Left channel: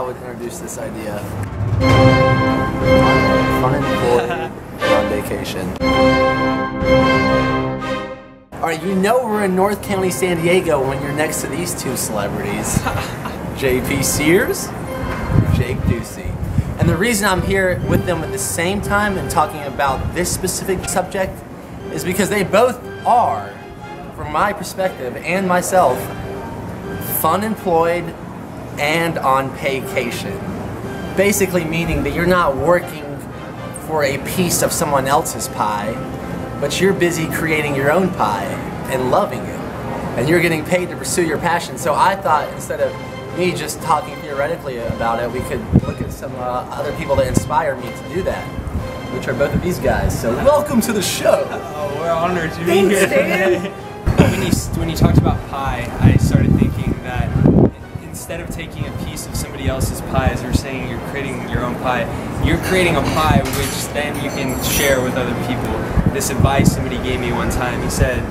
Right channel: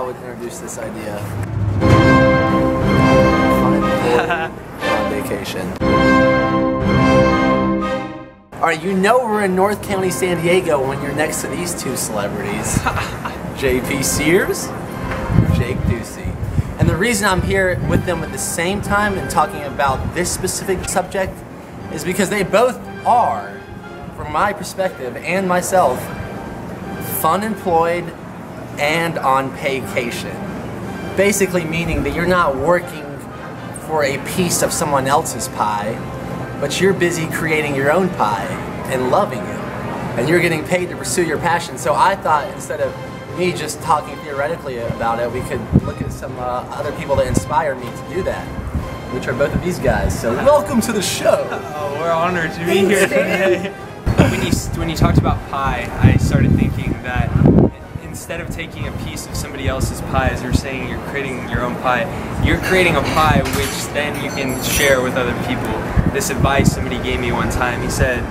I would introduce this idea. Unemployed on vacation. Alright, you know we're in North County, San Diego when you're next to these two celebrities. JP Sears, Jake Ducey. And the reason I'm here with them at the same time and talking about this specific subject is because they both are, from my perspective and myself, funemployed and on paycation. Basically meaning that you're not working for a piece of someone else's pie, but you're busy creating your own pie and loving it. And you're getting paid to pursue your passion. So I thought instead of me just talking theoretically about it, we could look at some other people that inspire me to do that, which are both of these guys. So welcome to the show. Oh, we're honored to be here today. When you talked about pie, I started thinking that instead of taking a piece of somebody else's pie, as you're saying, you're creating your own pie. You're creating a pie which then you can share with other people. This advice somebody gave me one time. He said,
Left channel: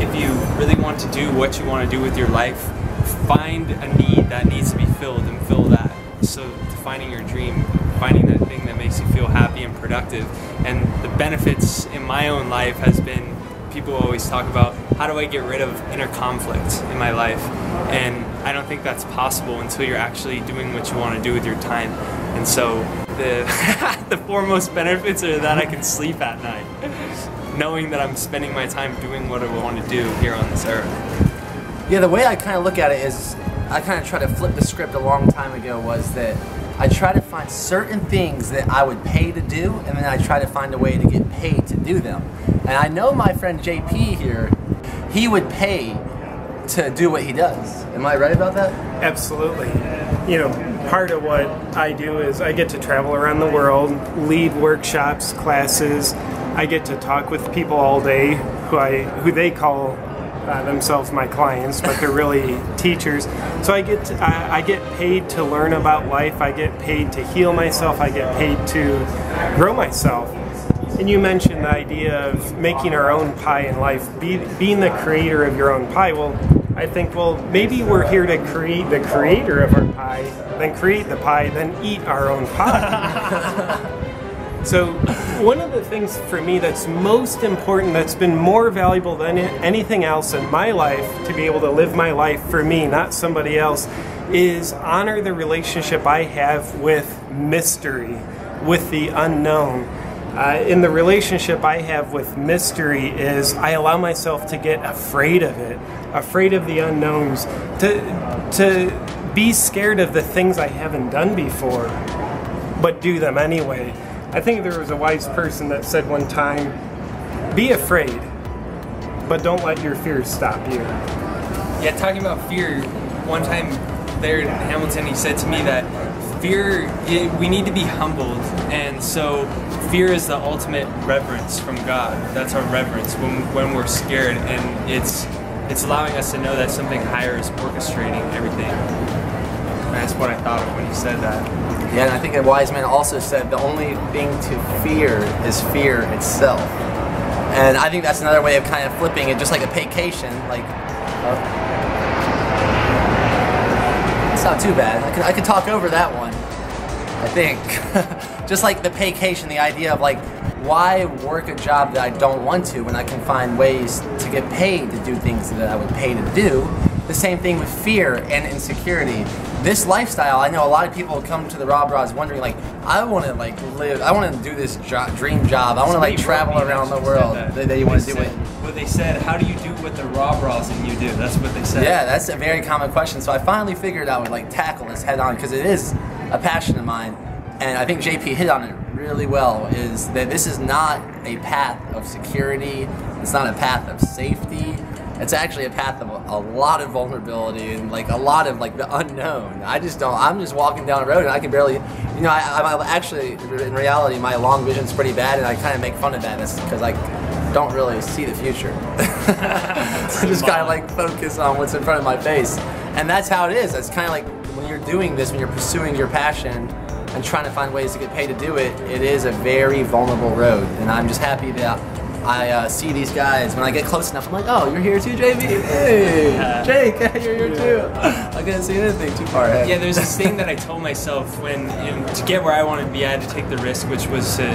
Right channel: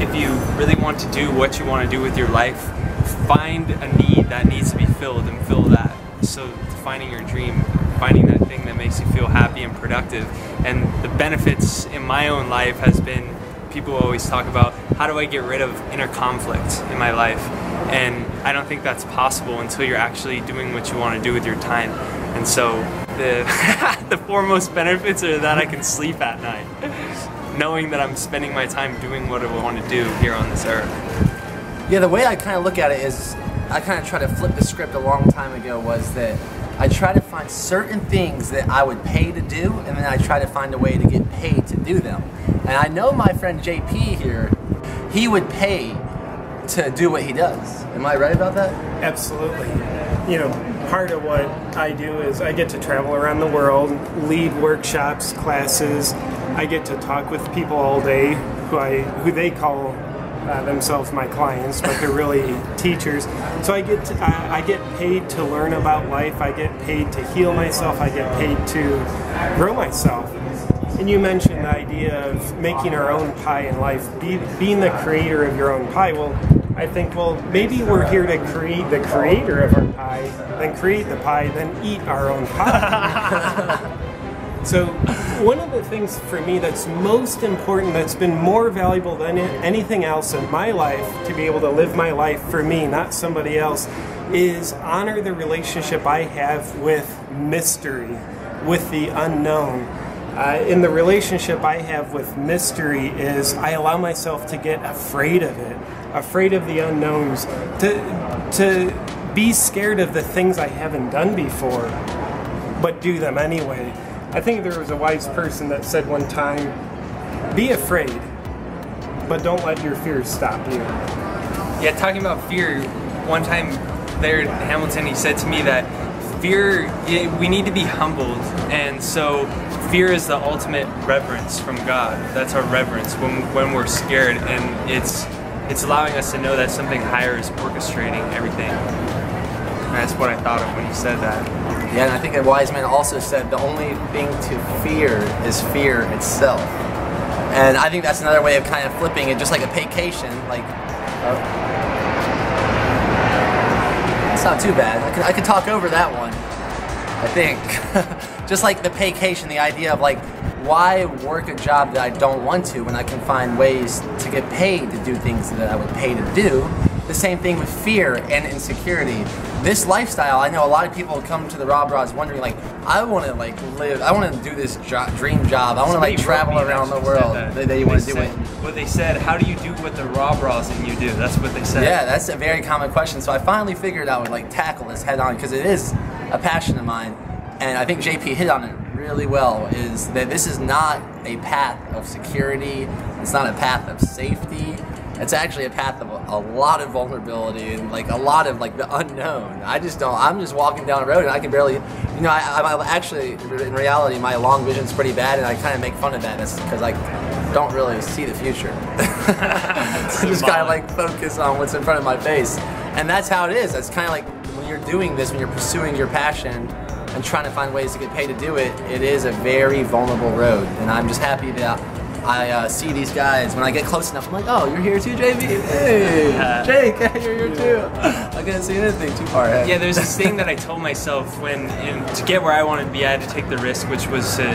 if you really want to do what you want to do with your life, find a need that needs to be filled and fill that. So finding your dream, finding that thing that makes you feel happy and productive. And the benefits in my own life has been, people always talk about, how do I get rid of inner conflict in my life? And I don't think that's possible until you're actually doing what you want to do with your time. And so the, the foremost benefits are that I can sleep at night, knowing that I'm spending my time doing what I want to do here on this earth. Yeah, the way I kind of look at it is, I kind of tried to flip the script a long time ago, was that I try to find certain things that I would pay to do, and then I try to find a way to get paid to do them. And I know my friend JP here, he would pay to do what he does. Am I right about that? Absolutely. You know, part of what I do is I get to travel around the world, lead workshops, classes. I get to talk with people all day who they call themselves my clients, but they're really teachers. So I get paid to learn about life. I get paid to heal myself. I get paid to grow myself. And you mentioned the idea of making our own pie in life, being the creator of your own pie. Well, I think, well, maybe we're here to create the creator of our pie, then create the pie, then eat our own pie. So one of the things for me that's most important, that's been more valuable than anything else in my life, to be able to live my life for me, not somebody else, is honor the relationship I have with mystery, with the unknown. In the relationship I have with mystery is I allow myself to get afraid of it, afraid of the unknowns, to be scared of the things I haven't done before, but do them anyway. I think there was a wise person that said one time, be afraid, but don't let your fears stop you. Yeah, talking about fear, one time there in Hamilton, he said to me that fear, we need to be humbled, and so fear is the ultimate reverence from God. That's our reverence when we're scared, and it's allowing us to know that something higher is orchestrating everything. And that's what I thought of when he said that. Yeah, and I think a wise man also said the only thing to fear is fear itself. And I think that's another way of kind of flipping it, just like a paycation. Like, it's not too bad. I could talk over that one, I think. Just like the paycation, the idea of like, why work a job that I don't want to when I can find ways to get paid to do things that I would pay to do? The same thing with fear and insecurity. This lifestyle, I know a lot of people come to the RawBrahs wondering like, I want to like live, I want to do this dream job. I want to like travel around the world. They want to do it. Well, they said, how do you do what the RawBrahs in you do? That's what they said. Yeah, that's a very common question. So I finally figured I would like tackle this head on because it is a passion of mine. And I think JP hit on it really well, is that this is not a path of security. It's not a path of safety. It's actually a path of a lot of vulnerability and like a lot of like the unknown. I'm just walking down the road and I can barely, you know, I'm actually, in reality, my long vision's pretty bad, and I kind of make fun of that because I don't really see the future. I just kind of like focus on what's in front of my face. And that's how it is. It's kind of like when you're doing this, when you're pursuing your passion and trying to find ways to get paid to do it, it is a very vulnerable road. And I'm just happy that I see these guys, when I get close enough, I'm like, oh, you're here too, JB? Hey, Jake, hey, you're here too. I couldn't see anything too far ahead. Yeah, there's this thing that I told myself to get where I wanted to be, I had to take the risk, which was to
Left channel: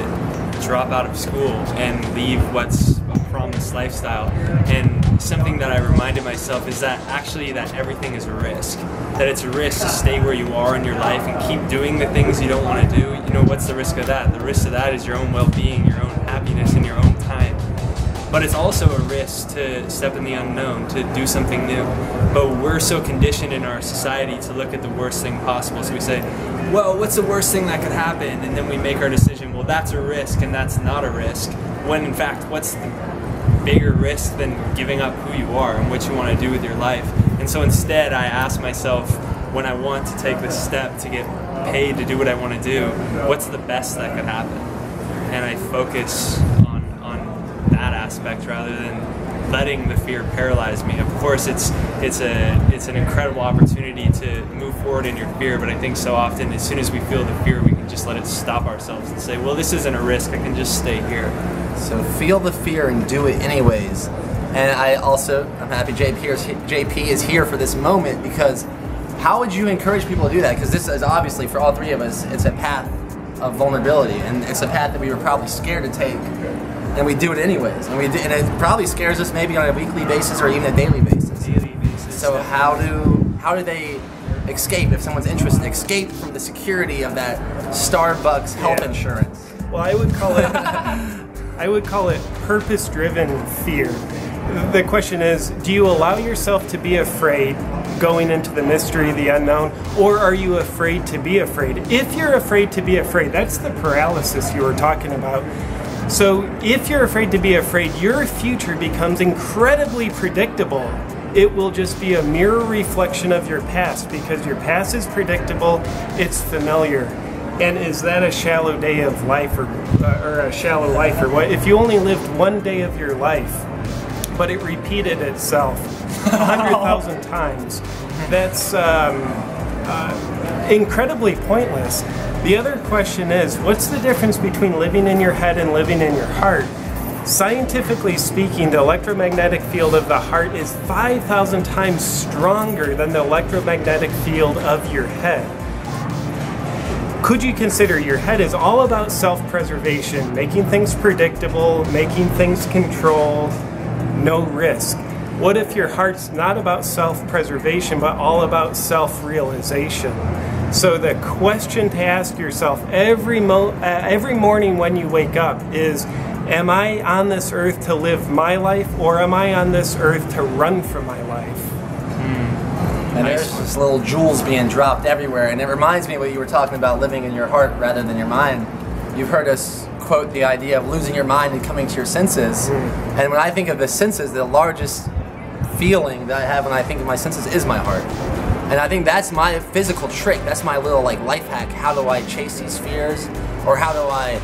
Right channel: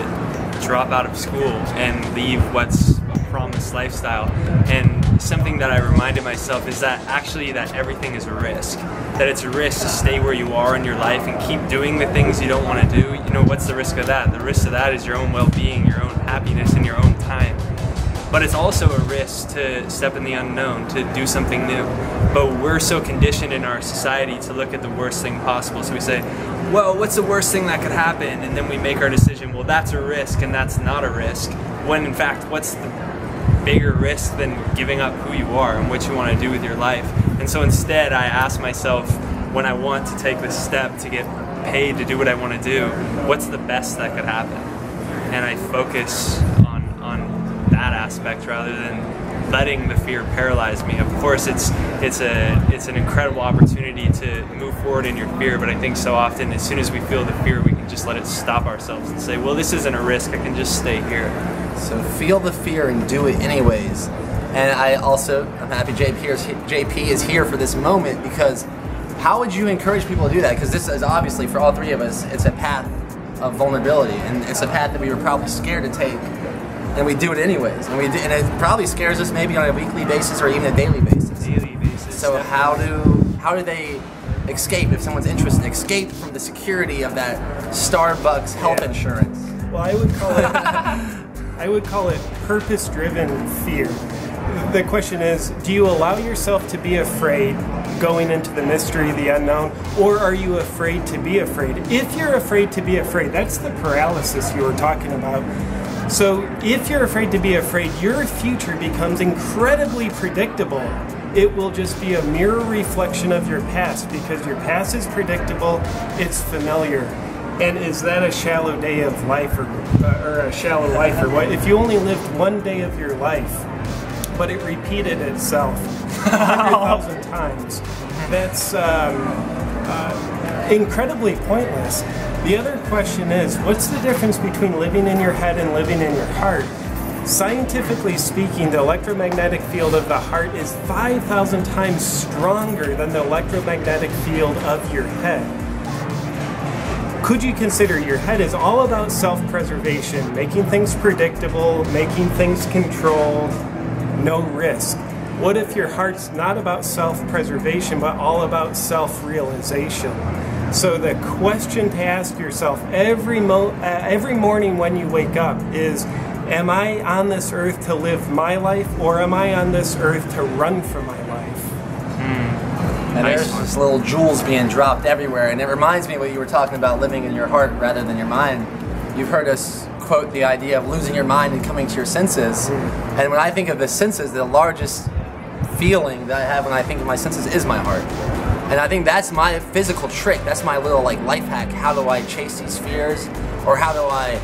drop out of school and leave what's a promised lifestyle. And something that I reminded myself is that actually that everything is a risk. That it's a risk to stay where you are in your life and keep doing the things you don't want to do. You know, what's the risk of that? The risk of that is your own well-being, your own happiness, and your own time. But it's also a risk to step in the unknown, to do something new. But we're so conditioned in our society to look at the worst thing possible. So we say, well, what's the worst thing that could happen? And then we make our decision, well, that's a risk and that's not a risk. When in fact, what's the bigger risk than giving up who you are and what you want to do with your life? And so instead, I ask myself, when I want to take this step to get paid to do what I want to do, what's the best that could happen? And I focus on that aspect rather than letting the fear paralyze me. Of course, it's an incredible opportunity to move forward in your fear, but I think so often as soon as we feel the fear, we can just let it stop ourselves and say, well, this isn't a risk, I can just stay here. So feel the fear and do it anyways. And I'm happy JP is here for this moment, because how would you encourage people to do that? Because this is obviously, for all three of us, it's a path of vulnerability, and it's a path that we were probably scared to take, and we do it anyways. And it probably scares us maybe on a weekly basis or even a daily basis. So how do they escape, if someone's interested, escape from the security of that Starbucks health insurance? Well, I would call it purpose-driven fear. The question is, do you allow yourself to be afraid going into the mystery, the unknown, or are you afraid to be afraid? If you're afraid to be afraid, that's the paralysis you were talking about. So if you're afraid to be afraid, your future becomes incredibly predictable. It will just be a mirror reflection of your past, because your past is predictable, it's familiar. And is that a shallow day of life or a shallow life or what? If you only lived one day of your life, but it repeated itself 100,000 times, that's incredibly pointless. The other question is, what's the difference between living in your head and living in your heart? Scientifically speaking, the electromagnetic field of the heart is 5,000 times stronger than the electromagnetic field of your head. Could you consider your head is all about self-preservation, making things predictable, making things controlled, no risk? What if your heart's not about self-preservation, but all about self-realization? So the question to ask yourself every morning when you wake up is, am I on this earth to live my life, or am I on this earth to run from my life? And there's just little jewels being dropped everywhere, and it reminds me of what you were talking about, living in your heart rather than your mind. You've heard us quote the idea of losing your mind and coming to your senses. And when I think of the senses, the largest feeling that I have when I think of my senses is my heart. And I think that's my physical trick. That's my little life hack. How do I chase these fears? Or how do I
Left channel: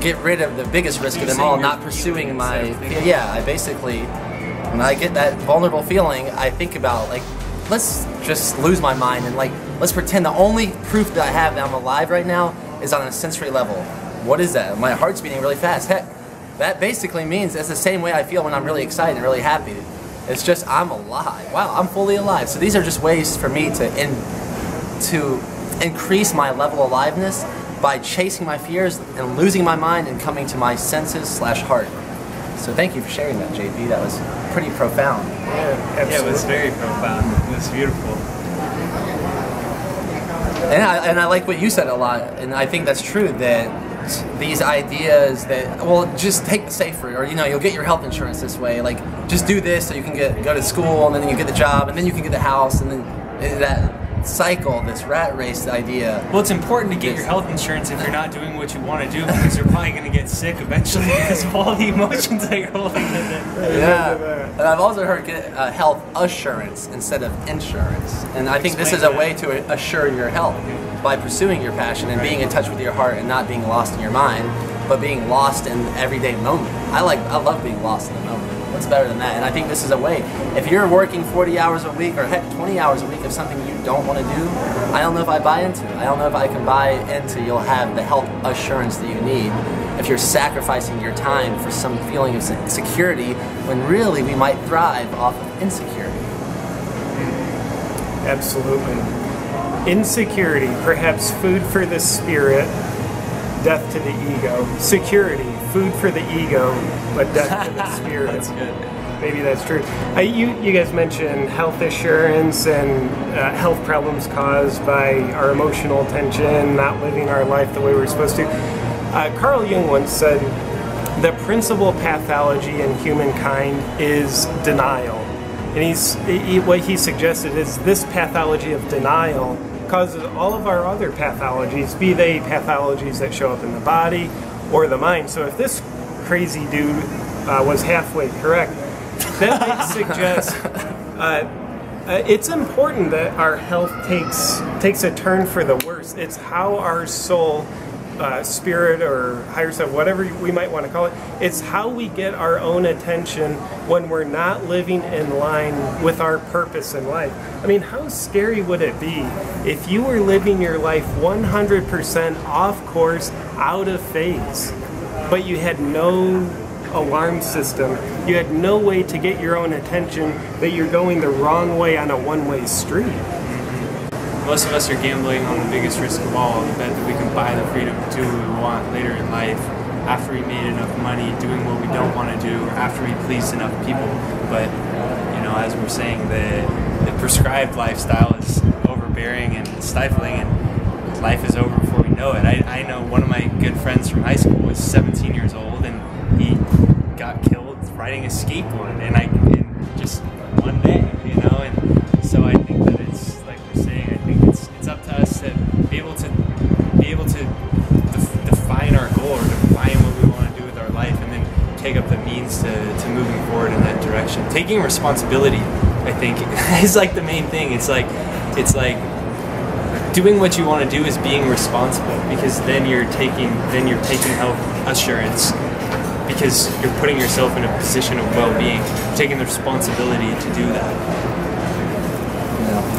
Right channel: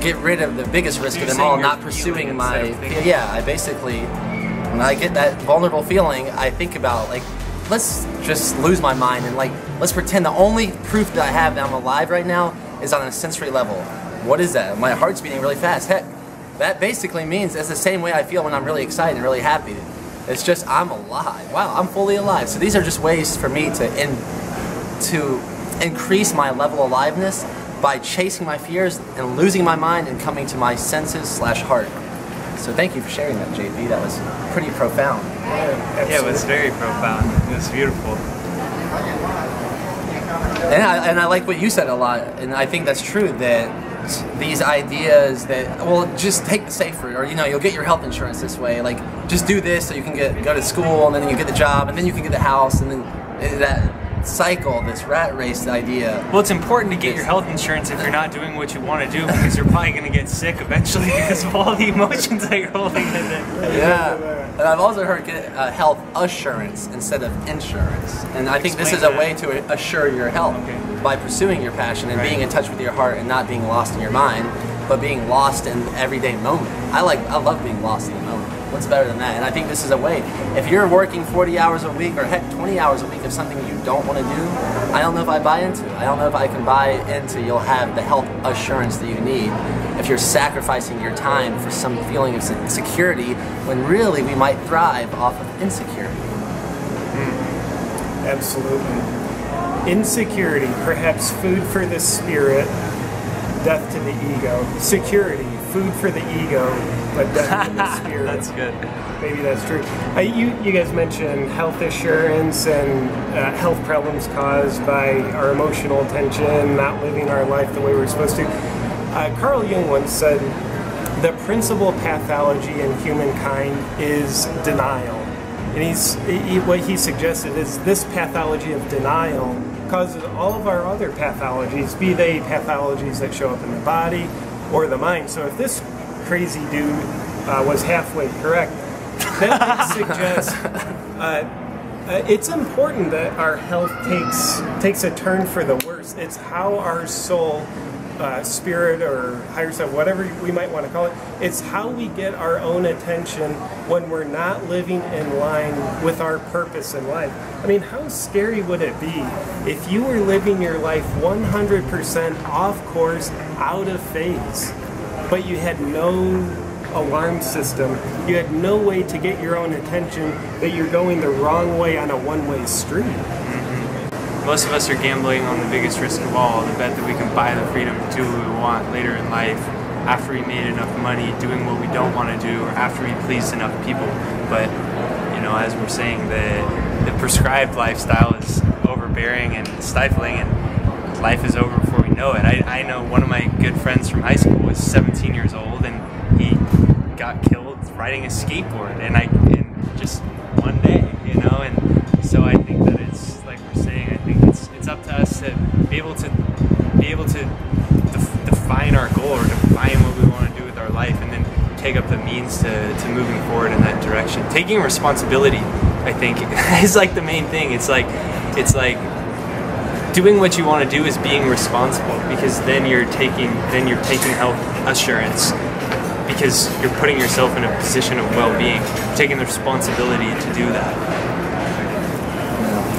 get rid of the biggest risk of them all, not pursuing my... Yeah, I basically, when I get that vulnerable feeling, I think about, let's just lose my mind and let's pretend the only proof that I have that I'm alive right now is on a sensory level. What is that? My heart's beating really fast. Heck, that basically means it's the same way I feel when I'm really excited and really happy. It's just I'm alive. Wow, I'm fully alive. So these are just ways for me to increase my level of aliveness by chasing my fears and losing my mind and coming to my senses/heart. So thank you for sharing that, JP. That was pretty profound. Yeah, it was very profound. It was beautiful. And I like what you said a lot, and I think that's true, that these ideas that, well, just take the safe route, or you'll get your health insurance this way, just do this so you can go to school, and then you get the job, and then you can get the house, and then that cycle, this rat race idea. Well, it's important to get your health insurance if you're not doing what you want to do, because you're probably going to get sick eventually because of all the emotions that you're holding in it. Yeah, and I've also heard get health assurance instead of insurance, and I think this is a way to assure your health by pursuing your passion and being in touch with your heart and not being lost in your mind, but being lost in the everyday moment. I love being lost in the moment. What's better than that? And I think this is a way. If you're working 40 hours a week, or heck, 20 hours a week of something you don't want to do, I don't know if I buy into it. I don't know if I can buy into you'll have the health assurance that you need if you're sacrificing your time for some feeling of security, when really we might thrive off of insecurity. Absolutely. Insecurity, perhaps food for the spirit, death to the ego. Security, food for the ego, but death to the spirit. That's good. Maybe that's true. You guys mentioned health assurance and health problems caused by our emotional tension, not living our life the way we're supposed to. Carl Jung once said, the principal pathology in humankind is denial. And what he suggested is this pathology of denial causes all of our other pathologies, be they pathologies that show up in the body or the mind. So if this crazy dude was halfway correct, that suggests it's important that our health takes a turn for the worse. It's how our soul, spirit, or higher self, whatever we might want to call it, it's how we get our own attention when we're not living in line with our purpose in life. I mean, how scary would it be if you were living your life 100% off course, out of phase, but you had no alarm system, you had no way to get your own attention, that you're going the wrong way on a one-way street? Most of us are gambling on the biggest risk of all, the bet that we can buy the freedom to do what we want later in life, after we made enough money doing what we don't want to do, or after we pleased enough people. But, you know, as we're saying, the prescribed lifestyle is overbearing and stifling, and life is over before we know it. I know one of my good friends from high school was 17 years old, and he got killed riding a skateboard, and just one day, you know. And so I think that it's like we're saying, I think it's up to us to be able to define our goal, or define what we want to do with our life, and then take up the means to moving forward in that direction. Taking responsibility, I think, is like the main thing. It's like doing what you want to do is being responsible, because then you're taking health assurance, because you're putting yourself in a position of well-being, taking the responsibility to do that.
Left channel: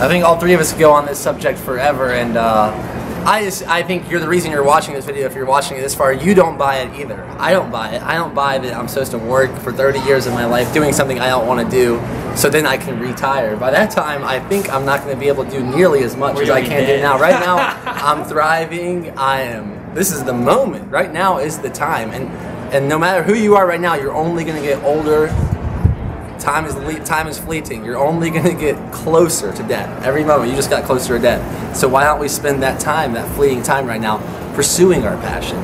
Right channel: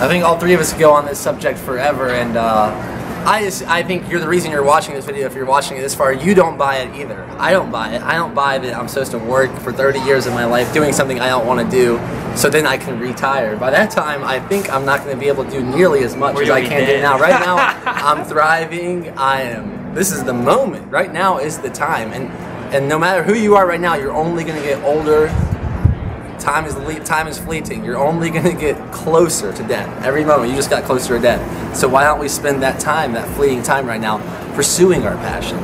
I think all three of us go on this subject forever, and I think you're the reason you're watching this video. If you're watching it this far, you don't buy it either. I don't buy it. I don't buy that I'm supposed to work for 30 years of my life doing something I don't want to do, so then I can retire. By that time, I think I'm not going to be able to do nearly as much as I can do now. Right now, I'm thriving. This is the moment. Right now is the time, and no matter who you are right now, you're only going to get older. Time is fleeting. You're only going to get closer to death. Every moment, you just got closer to death. So why don't we spend that time, that fleeting time right now, pursuing our passion?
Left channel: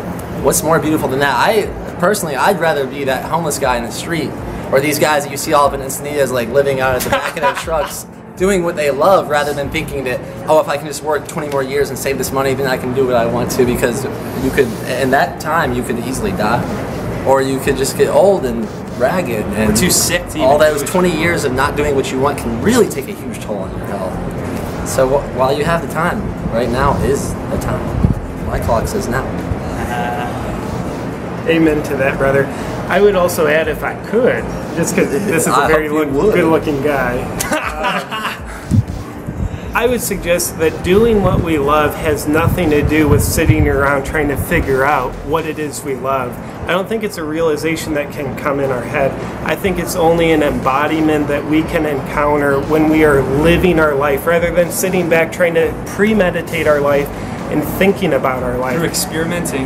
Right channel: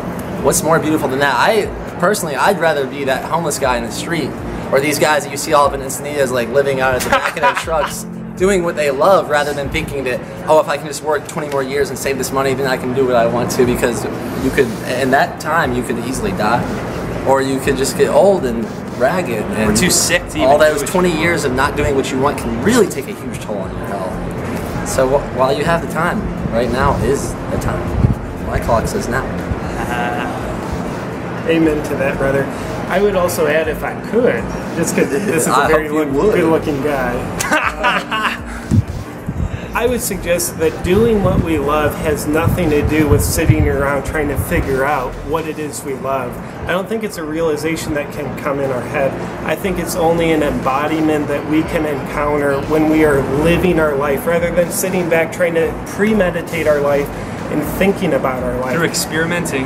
What's more beautiful than that? Personally, I'd rather be that homeless guy in the street, or these guys that you see all up in Encinitas, like living out at the back of their trucks, doing what they love, rather than thinking that, oh, if I can just work 20 more years and save this money, then I can do what I want to, because you could, in that time, you could easily die. Or you could just get old and ragged, and we're too sick to even all those 20 years of not doing what you want can really take a huge toll on your health. So while you have the time, right now is the time. My clock says now. Amen to that, brother. I would also add, if I could, just because this is a very good-looking guy, I would suggest that doing what we love has nothing to do with sitting around trying to figure out what it is we love. I don't think it's a realization that can come in our head. I think it's only an embodiment that we can encounter when we are living our life, rather than sitting back trying to premeditate our life and thinking about our life. Through experimenting.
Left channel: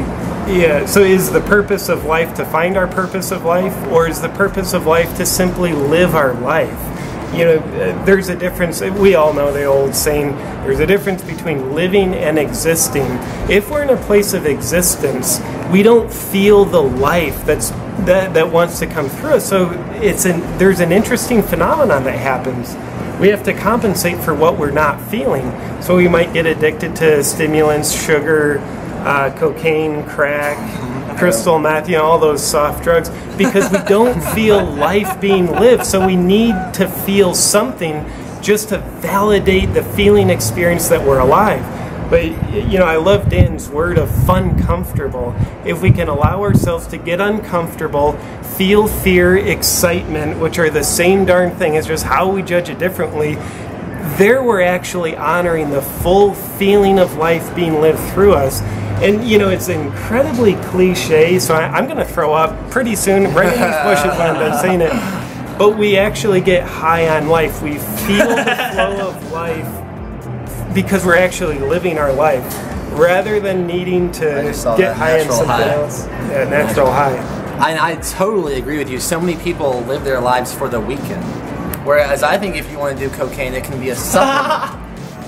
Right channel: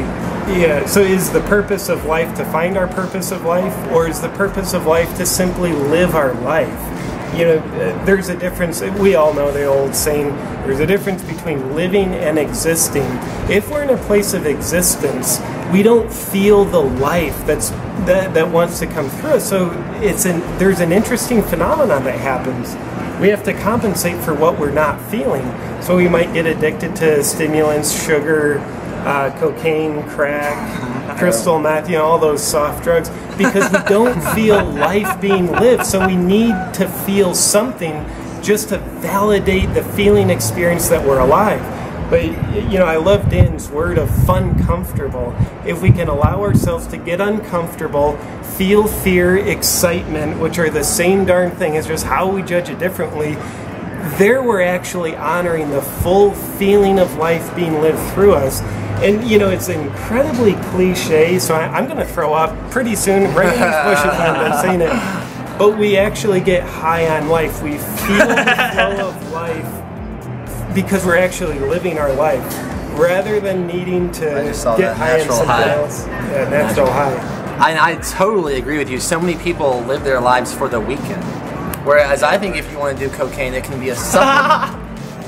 Yeah, so is the purpose of life to find our purpose of life, or is the purpose of life to simply live our life? You know, there's a difference. We all know the old saying, there's a difference between living and existing. If we're in a place of existence, we don't feel the life that wants to come through us. So there's an interesting phenomenon that happens. We have to compensate for what we're not feeling. So we might get addicted to stimulants, sugar, cocaine, crack, crystal meth, all those soft drugs, because we don't feel life being lived. So we need to feel something just to validate the feeling experience that we're alive. But, you know, I love Dan's word of fun comfortable. If we can allow ourselves to get uncomfortable, feel fear, excitement, which are the same darn thing, it's just how we judge it differently, there we're actually honoring the full feeling of life being lived through us. And, you know, it's incredibly cliche, so I'm going to throw up pretty soon, right in these bushes when I'm done saying it. But we actually get high on life. We feel the flow of life because we're actually living our life, rather than needing to get high on something else. Yeah, natural high. I totally agree with you. So many people live their lives for the weekend. Whereas I think if you want to do cocaine, it can be a supplement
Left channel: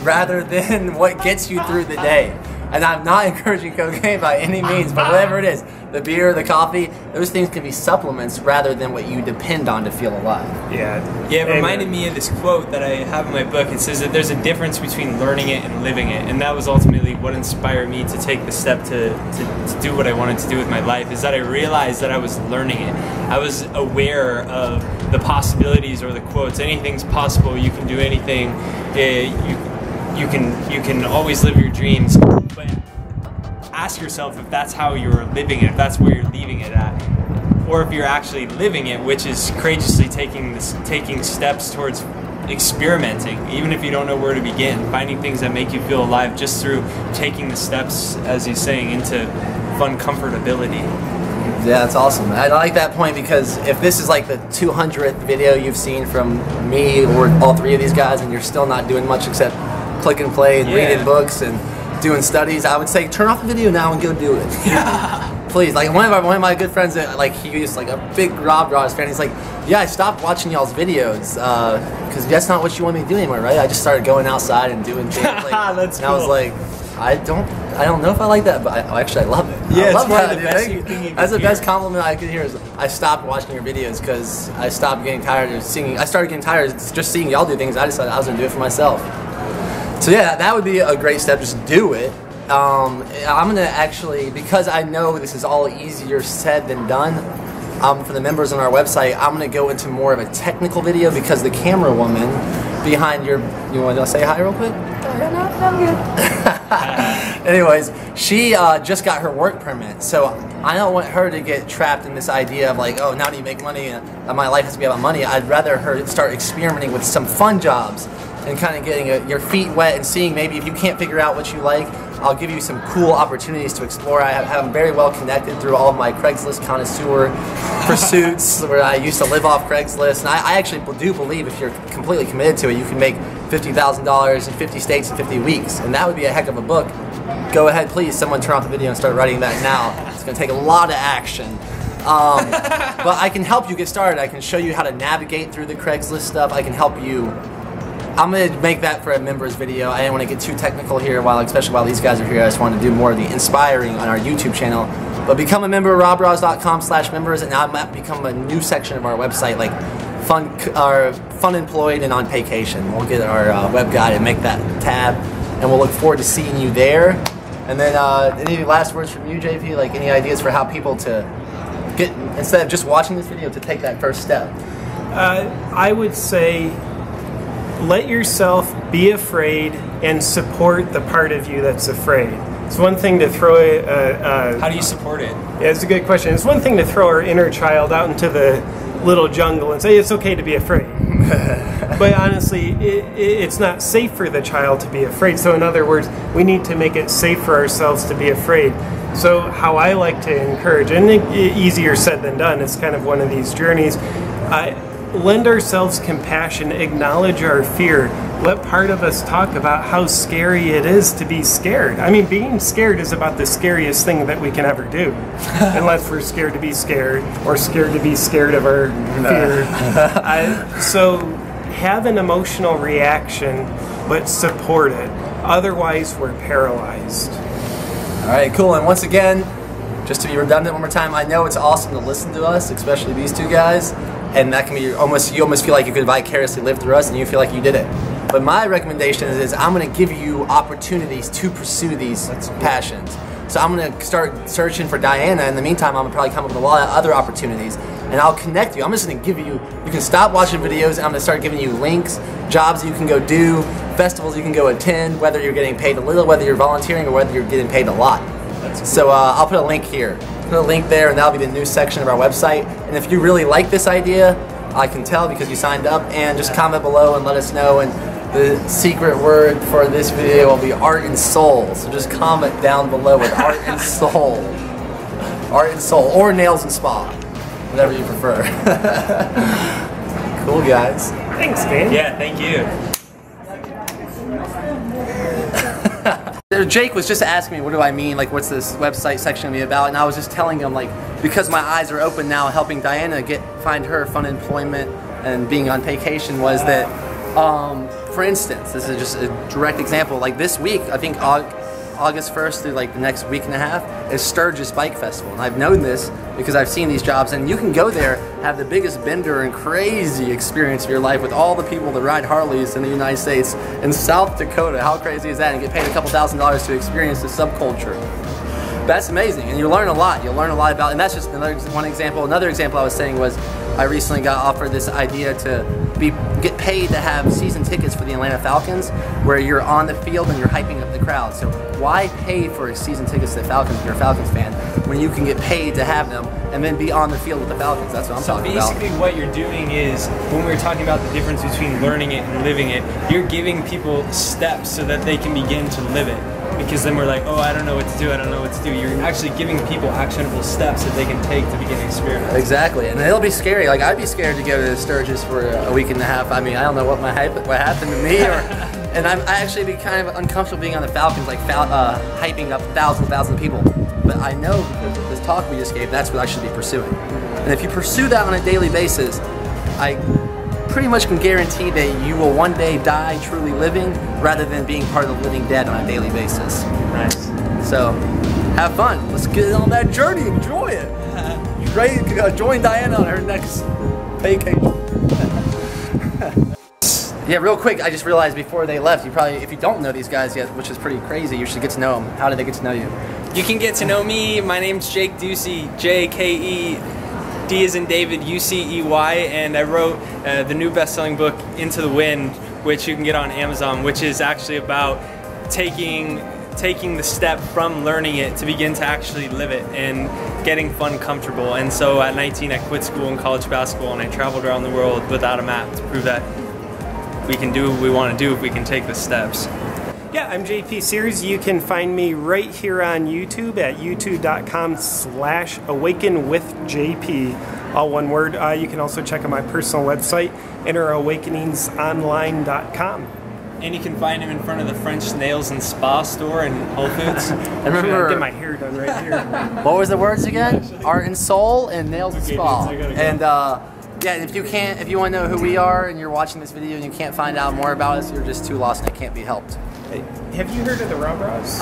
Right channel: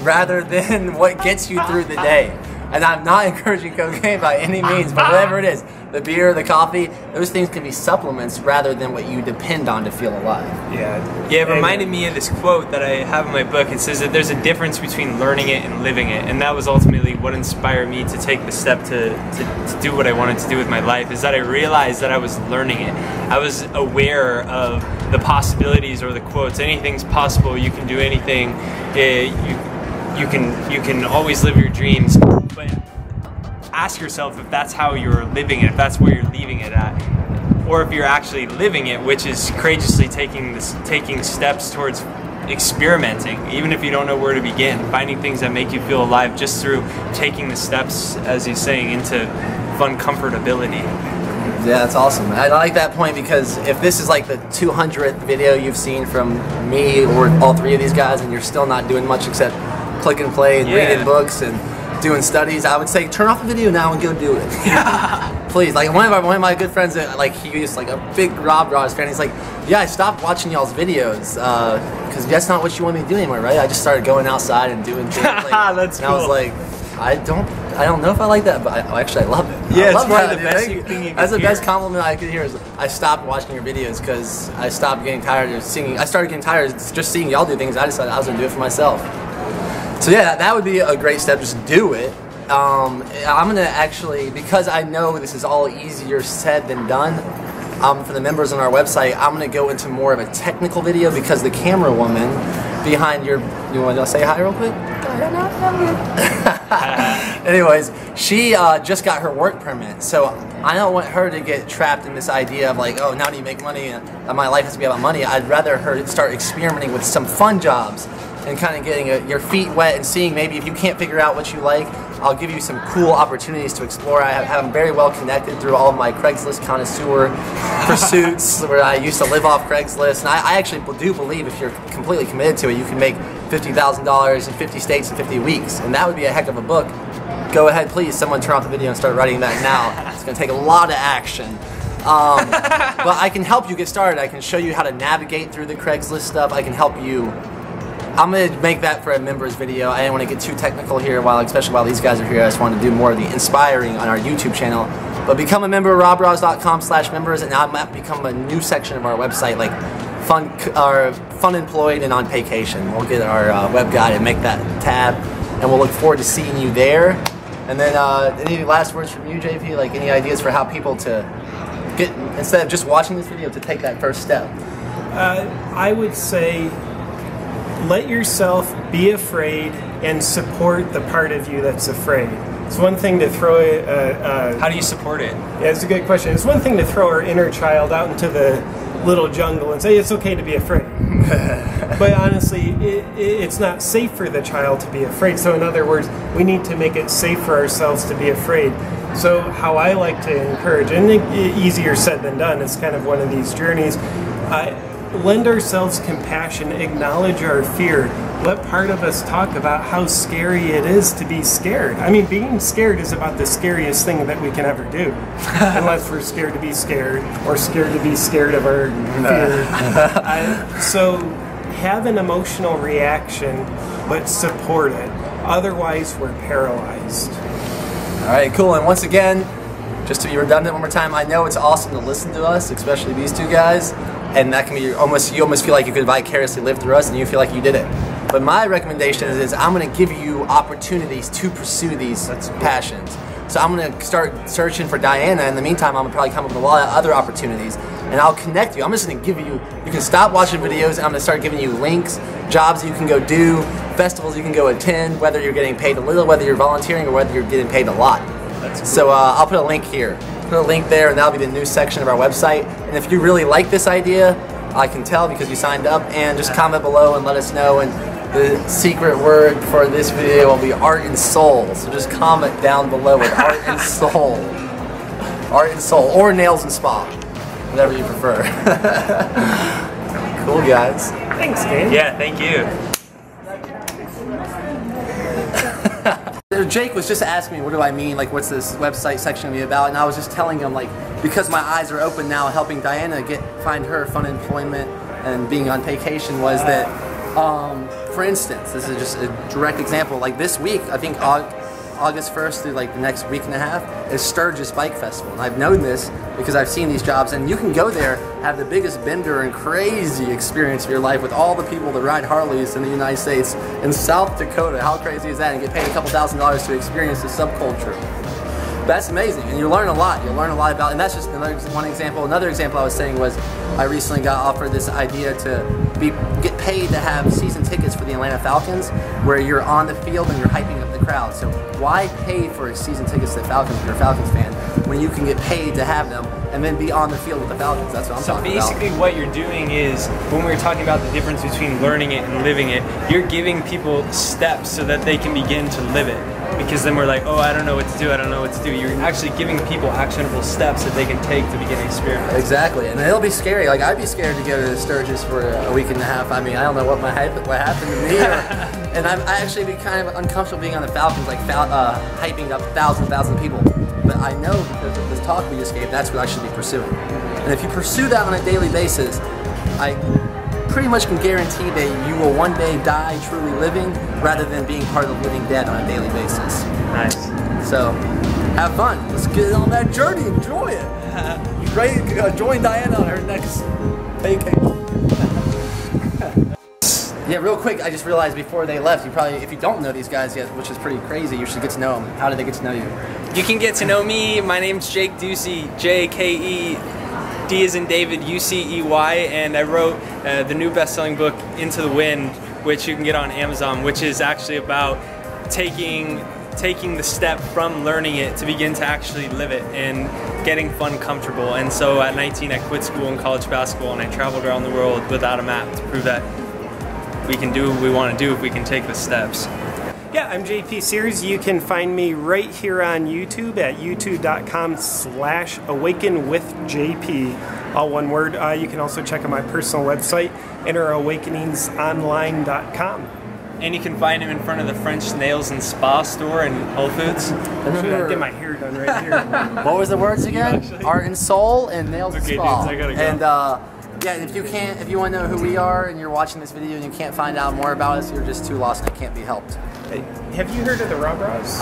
rather than what gets you through the day. And I'm not encouraging cocaine by any means, but whatever it is, the beer, the coffee, those things can be supplements rather than what you depend on to feel alive. Yeah, it reminded me of this quote that I have in my book. It says that there's a difference between learning it and living it. And that was ultimately what inspired me to take the step to do what I wanted to do with my life, is that I realized that I was learning it. I was aware of the possibilities, or the quotes, anything's possible, you can do anything, you can always live your dreams. But ask yourself if that's how you're living it, if that's where you're leaving it at, or if you're actually living it, which is courageously taking steps towards experimenting, even if you don't know where to begin, finding things that make you feel alive just through taking the steps, as he's saying, into fun comfortability. Yeah, that's awesome. I like that point, because if this is like the 200th video you've seen from me or all three of these guys, and you're still not doing much except click and play and reading books and doing studies, I would say turn off the video now and go do it. Yeah. Please. Like one of my good friends, like he was like a big RawBrahs fan. He's like, yeah, I stopped watching y'all's videos because that's not what you want me to do anymore, right? I just started going outside and doing things. Like, that's and cool. I was like, I don't know if I like that, but actually I love it. Yeah, I love it's one of the dude. best thing you can That's the hear. best compliment I could hear is I stopped watching your videos because I stopped getting tired of seeing. I started getting tired of just seeing y'all do things. I decided I was gonna do it for myself. So yeah, that would be a great step. Just do it. I'm gonna actually, because I know this is all easier said than done. For the members on our website, I'm gonna go into more of a technical video, because the camera woman behind your, you want to say hi real quick? Anyways, she just got her work permit, so I don't want her to get trapped in this idea of like, oh, now do you make money and my life has to be about money. I'd rather her start experimenting with some fun jobs and kind of getting your feet wet and seeing maybe if you can't figure out what you like, I'll give you some cool opportunities to explore. I'm very well connected through all of my Craigslist connoisseur pursuits, where I used to live off Craigslist. And I actually do believe if you're completely committed to it, you can make $50,000 in 50 states in 50 weeks. And that would be a heck of a book. Go ahead, please, someone turn off the video and start writing that now. It's going to take a lot of action. But I can help you get started. I can show you how to navigate through the Craigslist stuff. I can help you. I'm going to make that for a members video. I didn't want to get too technical here, especially while these guys are here. I just wanted to do more of the inspiring on our YouTube channel. But become a member at rawbrahs.com/members, and now I might become a new section of our website, like Funemployed and on Paycation. We'll get our web guy and make that tab, and we'll look forward to seeing you there. And then any last words from you, JP? Like any ideas for how people to get, instead of just watching this video, to take that first step? I would say, let yourself be afraid and support the part of you that's afraid. It's one thing to throw How do you support it? Yeah, it's a good question. It's one thing to throw our inner child out into the little jungle and say it's okay to be afraid. But honestly, it's not safe for the child to be afraid. So in other words, we need to make it safe for ourselves to be afraid. So how I like to encourage, and easier said than done, it's kind of one of these journeys, lend ourselves compassion, acknowledge our fear. Let part of us talk about how scary it is to be scared. I mean, being scared is about the scariest thing that we can ever do. Unless we're scared to be scared, or scared to be scared of our fear. So have an emotional reaction, but support it. Otherwise, we're paralyzed. All right, cool. And once again, just to be redundant one more time, I know it's awesome to listen to us, especially these two guys. And that can be you almost feel like you could vicariously live through us, and you feel like you did it. But my recommendation is I'm going to give you opportunities to pursue these passions. So I'm going to start searching for Diana. In the meantime, I'm going to probably come up with a lot of other opportunities, and I'll connect you. I'm just going to give you, you can stop watching videos, and I'm going to start giving you links, jobs you can go do, festivals you can go attend, whether you're getting paid a little, whether you're volunteering, or whether you're getting paid a lot. That's cool. So I'll put a link here. Put a link there, and that'll be the news section of our website. And if you really like this idea, I can tell because you signed up, and just comment below and let us know. And the secret word for this video will be art and soul. So just comment down below with art and soul. Art and soul, or nails and spa, whatever you prefer. Cool, guys. Thanks, Dan. Yeah, thank you. Jake was just asking me, what do I mean, like what's this website section gonna be about, and I was just telling him, like, because my eyes are open now helping Diana find her fun employment and being on Paycation, was that, for instance, this is just a direct example, like this week, I think August 1st through like the next week and a half is Sturgis Bike Festival, and I've known this because I've seen these jobs, and you can go there, have the biggest bender and crazy experience of your life with all the people that ride Harleys in the United States in South Dakota. How crazy is that? And get paid a couple $1,000s to experience the subculture. That's amazing, and you learn a lot. You'll learn a lot about, and that's just another one example. Another example I was saying was I recently got offered this idea to get paid to have season tickets for the Atlanta Falcons, where you're on the field and you're hyping up the crowd. So why pay for season tickets to the Falcons if you're a Falcons fan when you can get paid to have them and then be on the field with the Falcons? That's what I'm talking about. So basically what you're doing is, when we were talking about the difference between learning it and living it, you're giving people steps so that they can begin to live it. Because then we're like, oh, I don't know what to do, I don't know what to do. You're actually giving people actionable steps that they can take to begin experimenting. Exactly, and it'll be scary. Like, I'd be scared to go to Sturgis for a week and a half. I mean, I don't know what happened to me, and I actually be kind of uncomfortable being on the Falcons, like hyping up thousands of people. But I know because of this talk we just gave, that's what I should be pursuing. And if you pursue that on a daily basis, I pretty much can guarantee that you will one day die truly living rather than being part of the living dead on a daily basis. Nice. So, have fun. Let's get on that journey. Enjoy it. Great. Join Diana on her next vacation. Yeah, real quick, I just realized before they left, you probably, if you don't know these guys yet, which is pretty crazy, you should get to know them. How did they get to know you? You can get to know me. My name's Jake Ducey, J-K-E. D as in David, U-C-E-Y, and I wrote the new best-selling book, Into the Wind, which you can get on Amazon, which is actually about taking the step from learning it to begin to actually live it and getting fun comfortable. And so at 19, I quit school and college basketball, and I traveled around the world without a map to prove that we can do what we want to do if we can take the steps. Yeah, I'm JP Sears. You can find me right here on YouTube at youtube.com/awakenwithjp, all one word. You can also check out my personal website, innerawakeningsonline.com. And you can find him in front of the French Nails and Spa store in Whole Foods. I remember, get my hair done right here. What was the words again? Art and soul and nails and spa. Dudes, I gotta go. And yeah, if you want to know who we are and you're watching this video and you can't find out more about us, you're just too lost and it can't be helped. Have you heard of the RawBrahs?